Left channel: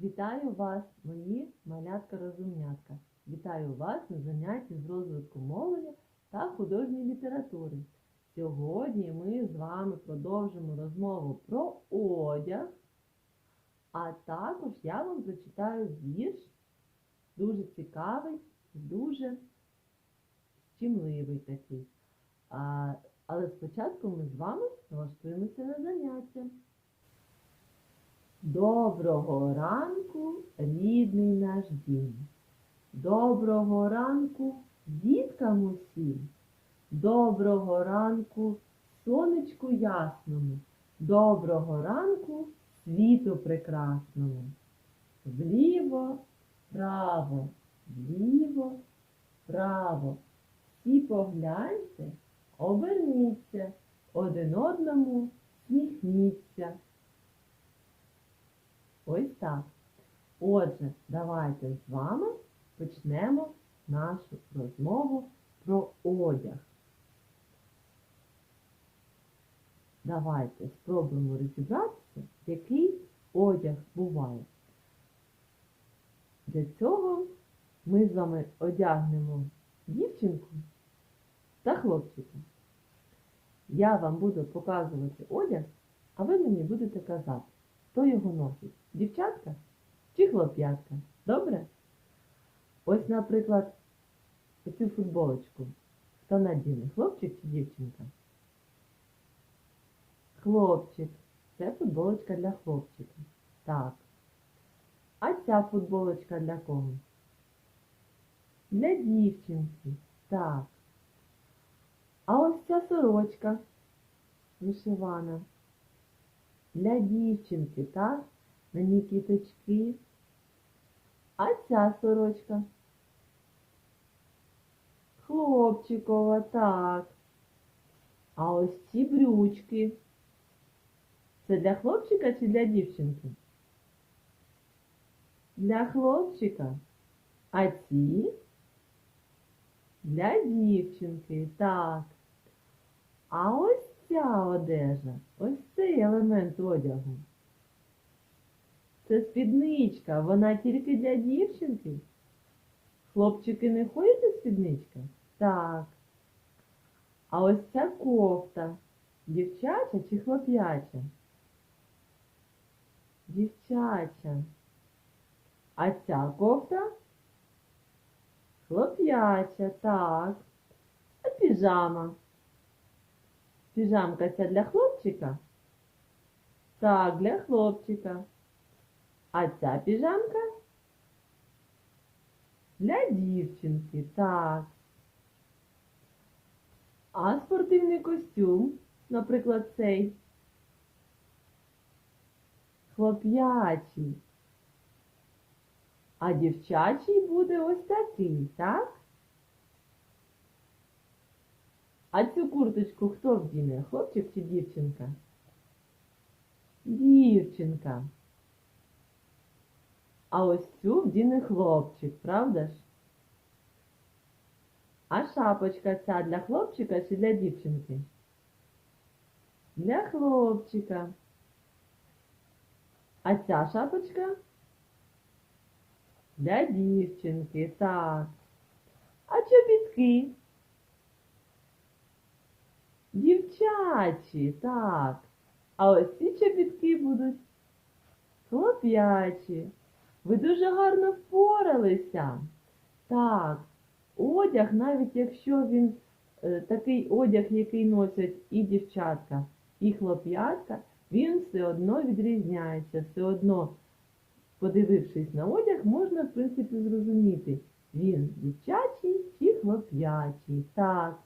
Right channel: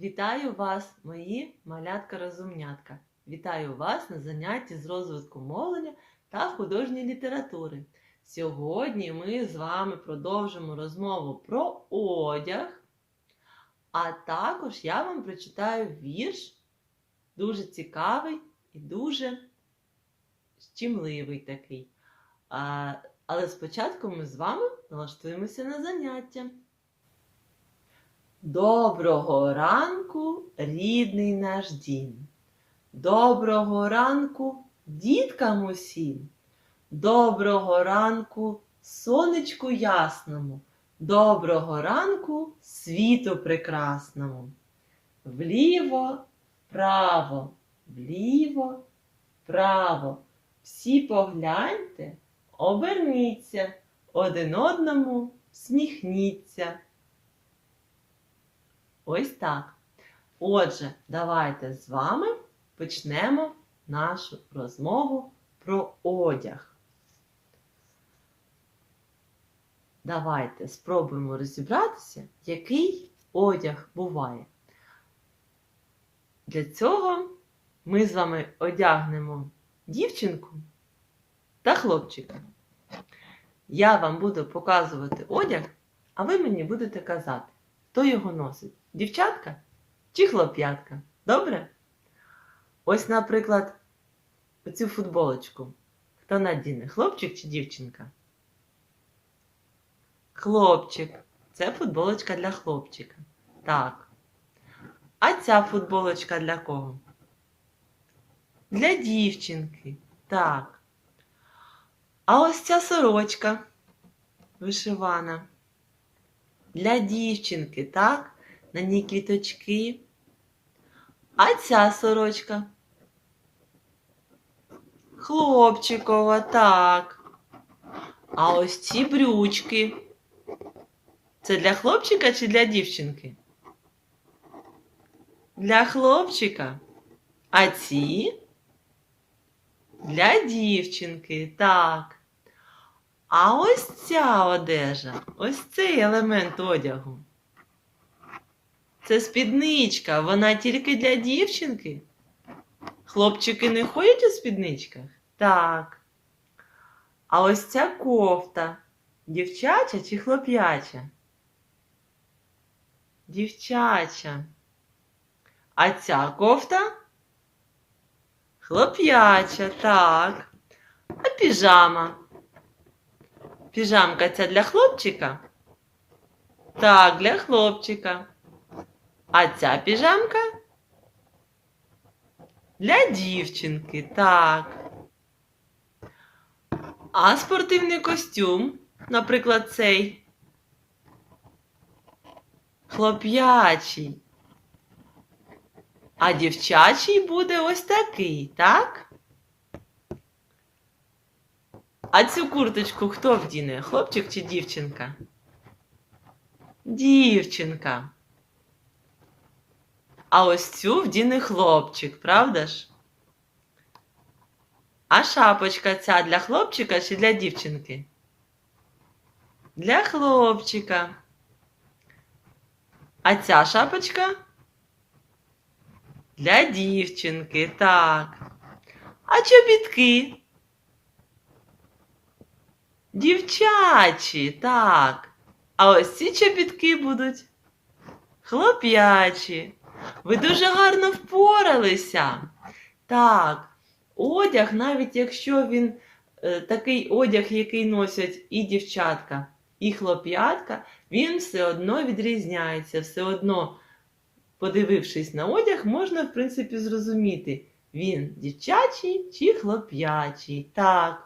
Вітаю вас, мої малятка-розумнятка. Вітаю вас на занятті з розвитку мовлення та художньої літератури. Сьогодні ми з вами продовжимо розмову про одяг, а також я вам прочитаю вірш, дуже цікавий і дуже щемливий такий. Але спочатку ми з вами налаштуємося на заняття. Доброго ранку, рідний наш дім. Доброго ранку, діткам усім. Доброго ранку, сонечку ясному. Доброго ранку, світу прекрасному. Вліво, вправо, вліво, вправо. Всі погляньте, оберніться, один одному сміхніться. Ось так. Отже, давайте з вами почнемо нашу розмову про одяг. Давайте спробуємо розібратися, який одяг буває. Для цього ми з вами одягнемо дівчинку та хлопчика. Я вам буду показувати одяг, а ви мені будете казати, хто його носить. Дівчатка чи хлоп'ятка? Добре? Ось, наприклад, оцю футболочку. Хто надіне? Хлопчик чи дівчинка? Хлопчик. Це футболочка для хлопчика. Так. А ця футболочка для кого? Для дівчинки. Так. А ось ця сорочка вишивана. Для дівчинки, так? На ній квіточки. А ця сорочка. Хлопчикова, так. А ось ці брючки. Це для хлопчика чи для дівчинки? Для хлопчика. А ці? Для дівчинки, так. А ось ця одежа, ось цей елемент одягу. Це спідничка, вона тільки для дівчинки. Хлопчики не ходять у спідничках? Так. А ось ця кофта дівчача чи хлоп'яча? Дівчача. А ця кофта? Хлоп'яча, так. А піжама? Піжамка ця для хлопчика? Так, для хлопчика. А ця піжамка? Для дівчинки, так. А спортивний костюм, наприклад, цей. Хлоп'ячий. А дівчачий буде ось такий, так? А цю курточку хто вдіне? Хлопчик чи дівчинка? Дівчинка. А ось цю вдіне хлопчик, правда ж? А шапочка ця для хлопчика чи для дівчинки? Для хлопчика. А ця шапочка? Для дівчинки, так. А чобітки? Дівчачі, так. А ось ці чобітки будуть хлоп'ячі. Ви дуже гарно впоралися. Так, одяг, навіть якщо він е, такий одяг, який носять і дівчатка, і хлоп'ятка, він все одно відрізняється. Все одно, подивившись на одяг, можна, в принципі, зрозуміти, він дівчачий чи хлоп'ячий. Так,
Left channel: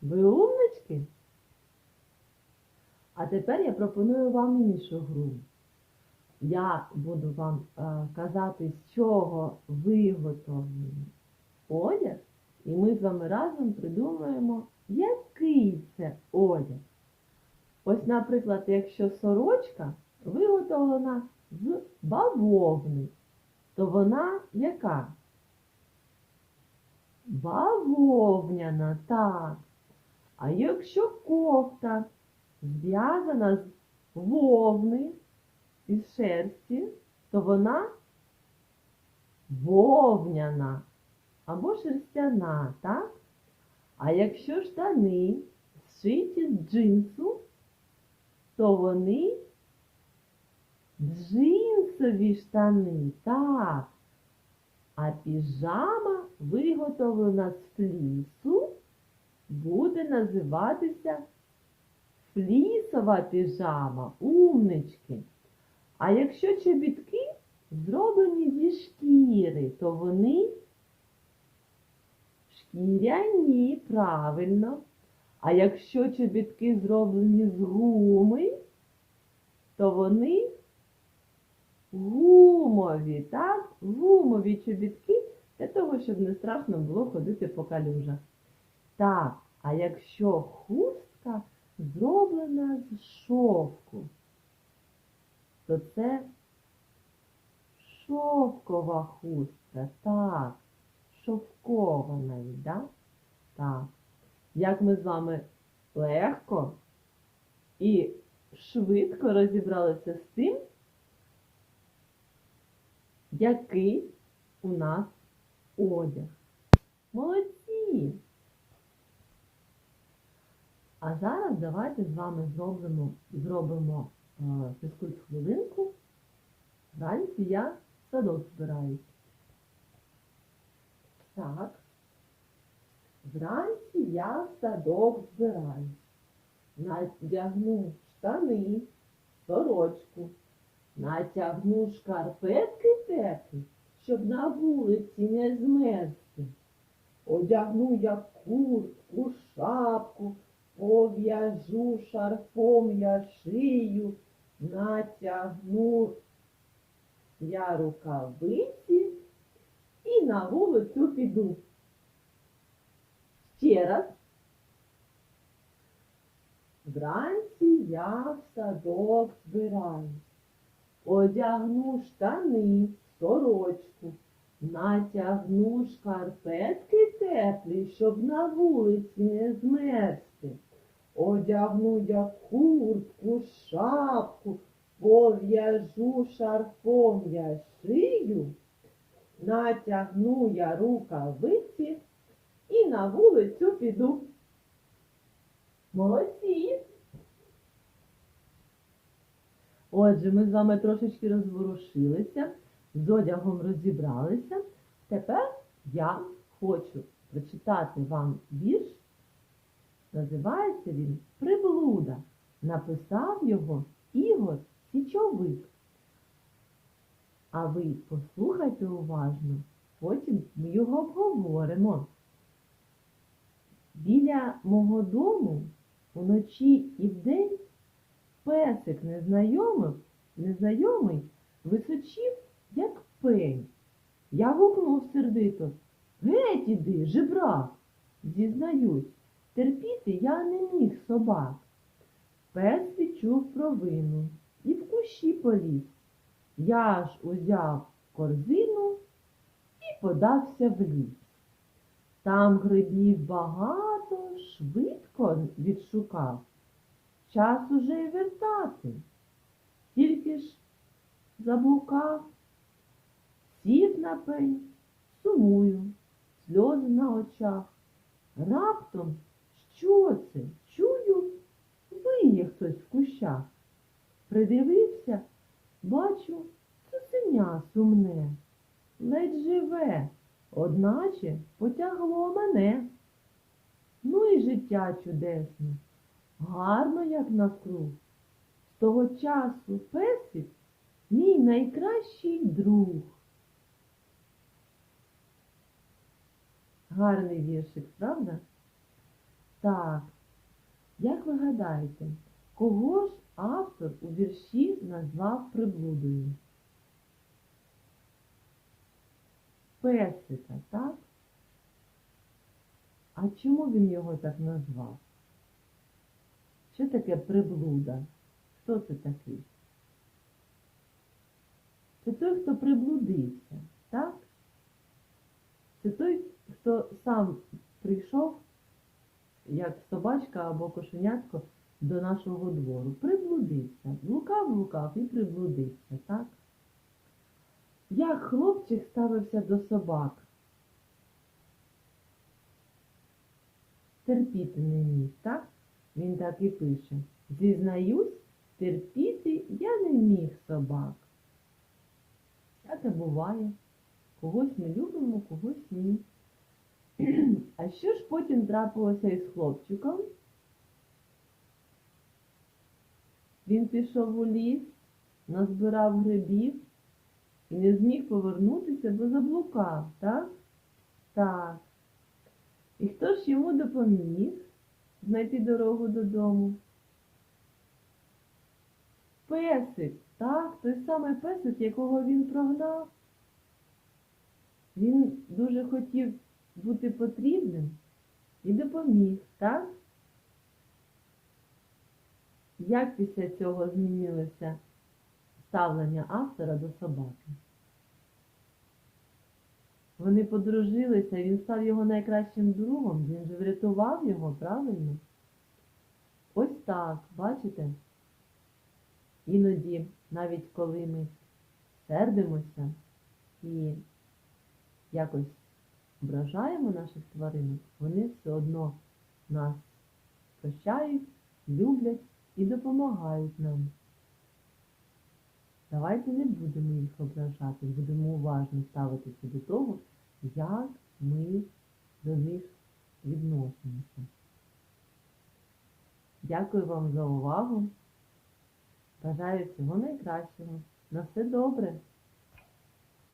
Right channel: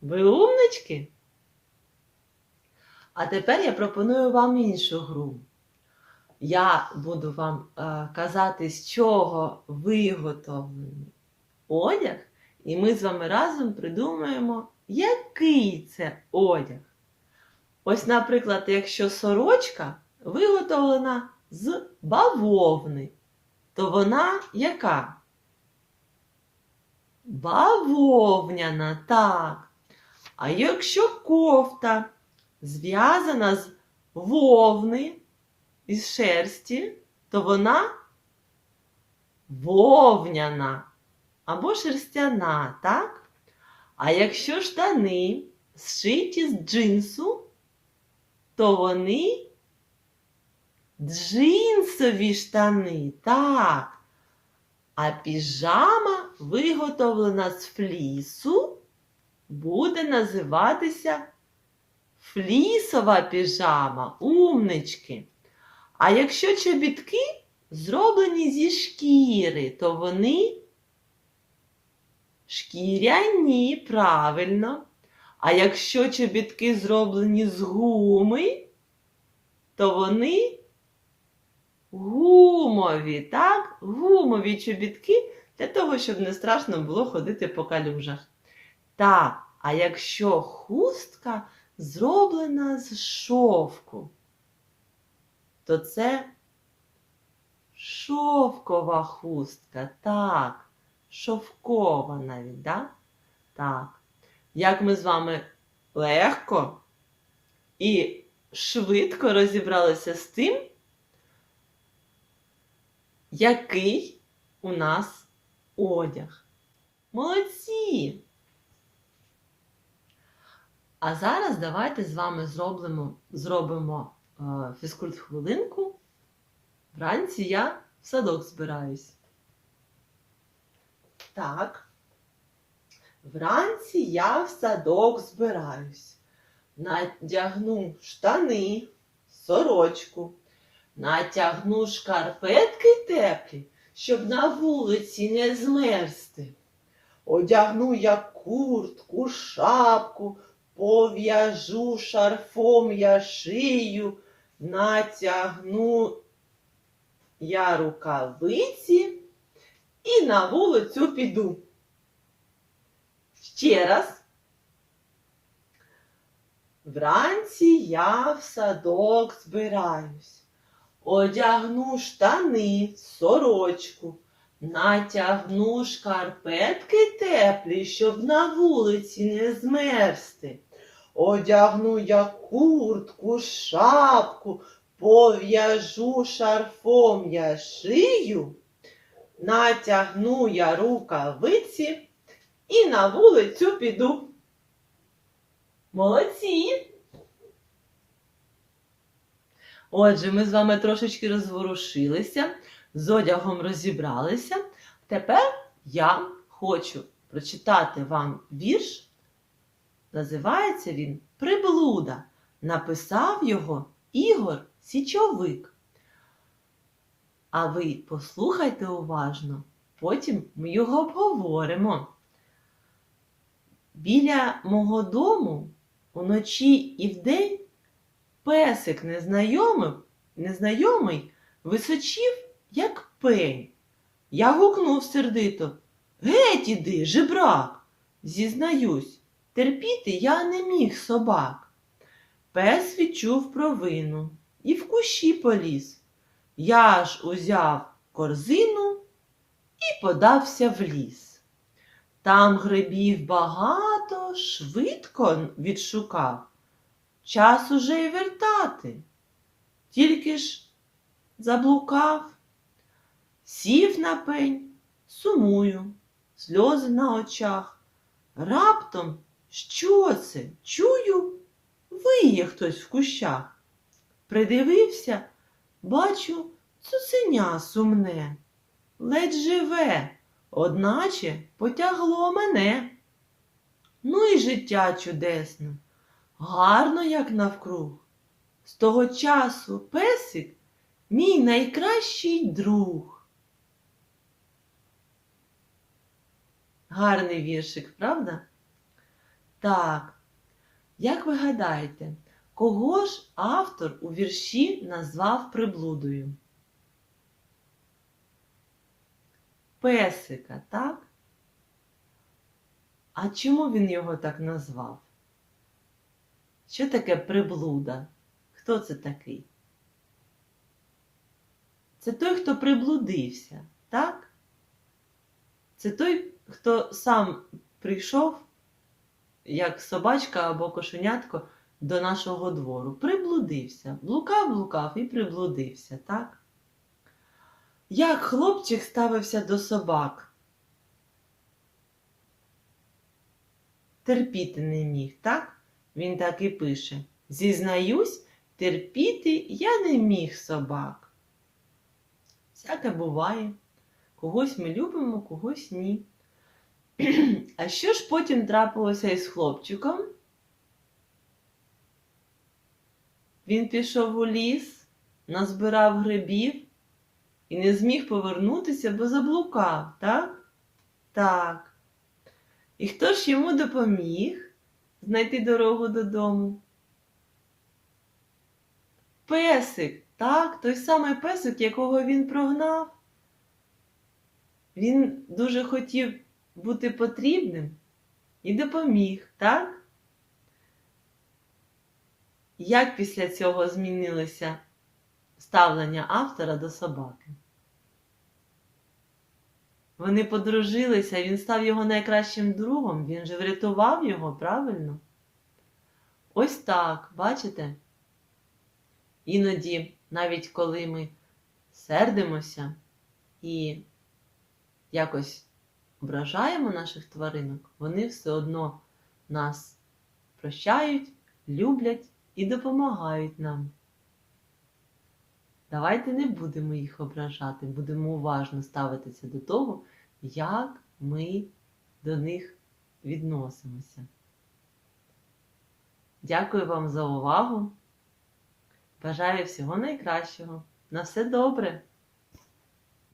ви умнички? А тепер я пропоную вам іншу гру. Я буду вам е, казати, з чого виготовлений одяг, і ми з вами разом придумаємо, який це одяг. Ось, наприклад, якщо сорочка виготовлена з бавовни, то вона яка? Бавовняна, так. А якщо кофта зв'язана з вовни, із шерсті, то вона вовняна або шерстяна, так? А якщо штани зшиті з джинсу, то вони джинсові штани, так. А піжама, виготовлена з флісу, буде називатися флісова піжама, умнички. А якщо чобітки зроблені зі шкіри, то вони шкіряні, правильно. А якщо чобітки зроблені з гуми, то вони гумові, так? Гумові чобітки для того, щоб не страшно було ходити по калюжах. Так, а якщо хустка зроблена з шовку, то це шовкова хустка. Так, шовкова навіть, да? так? Як ми з вами легко і швидко розібралися з тим, який у нас одяг. Молодці! А зараз давайте з вами зробимо, зробимо е, фізкульт-хвилинку. Вранці я в садок збираюсь. Так. Вранці я в садок збираюсь. Надягну штани, сорочку, натягну шкарпетки теплі, щоб на вулиці не змерзти. Одягну я куртку, шапку, пов'яжу шарфом я шию, натягну я рукавиці і на вулицю піду. Ще раз. Вранці я в садок збираюсь. Одягну штани, сорочку, натягну шкарпетки теплі, щоб на вулиці не змерзти. Одягну я куртку, шапку, пов'яжу шарфом я шию, натягну я рукавиці і на вулицю піду. Молодці! Отже, ми з вами трошечки розворушилися, з одягом розібралися. Тепер я хочу прочитати вам вірш. Називається він Приблуда. Написав його Ігор Січовик. А ви послухайте уважно, потім ми його обговоримо. Біля мого дому уночі і вдень песик незнайомий, незнайомий височів, як пень. Я гукнув сердито. Геть іди, жебрак! Зізнаюсь, терпіти я не міг собак. Пес відчув провину і в кущі поліз. Я ж узяв корзину і подався в ліс. Там грибів багато, швидко відшукав. Час уже й вертати. Тільки ж заблукав, сів на пень, сумую, сльози на очах. Раптом що це? Чую, виє хтось в кущах. Придивився, бачу, цуценя сумне, ледь живе, одначе потягло мене. Ну і життя чудесне, гарно, як навкруг. З того часу песик мій найкращий друг. Гарний віршик, правда? Так, як ви гадаєте, кого ж автор у вірші назвав приблудою? Песика, так? А чому він його так назвав? Що таке приблуда? Хто це такий? Це той, хто приблудився, так? Це той, хто сам прийшов, як собачка або кошенятко, до нашого двору. Приблудився. Блукав, блукав і приблудився, так? Як хлопчик ставився до собак? Терпіти не міг, так? Він так і пише. Зізнаюсь, терпіти я не міг собак. Всяке буває. Когось ми любимо, когось ні. А що ж потім трапилося із хлопчиком? Він пішов у ліс, назбирав грибів і не зміг повернутися, бо заблукав, так? Так. І хто ж йому допоміг знайти дорогу додому? Песик, так, той самий песик, якого він прогнав. Він дуже хотів бути потрібним і допоміг, так? Як після цього змінилося ставлення автора до собаки? Вони подружилися, він став його найкращим другом, він же врятував його, правильно? Ось так, бачите? Іноді, навіть коли ми сердимося і якось ображаємо наших тваринок, вони все одно нас прощають, люблять і допомагають нам. Давайте не будемо їх ображати, будемо уважно ставитися до того, як ми до них відносимося. Дякую вам за увагу. Бажаю всього найкращого. На все добре!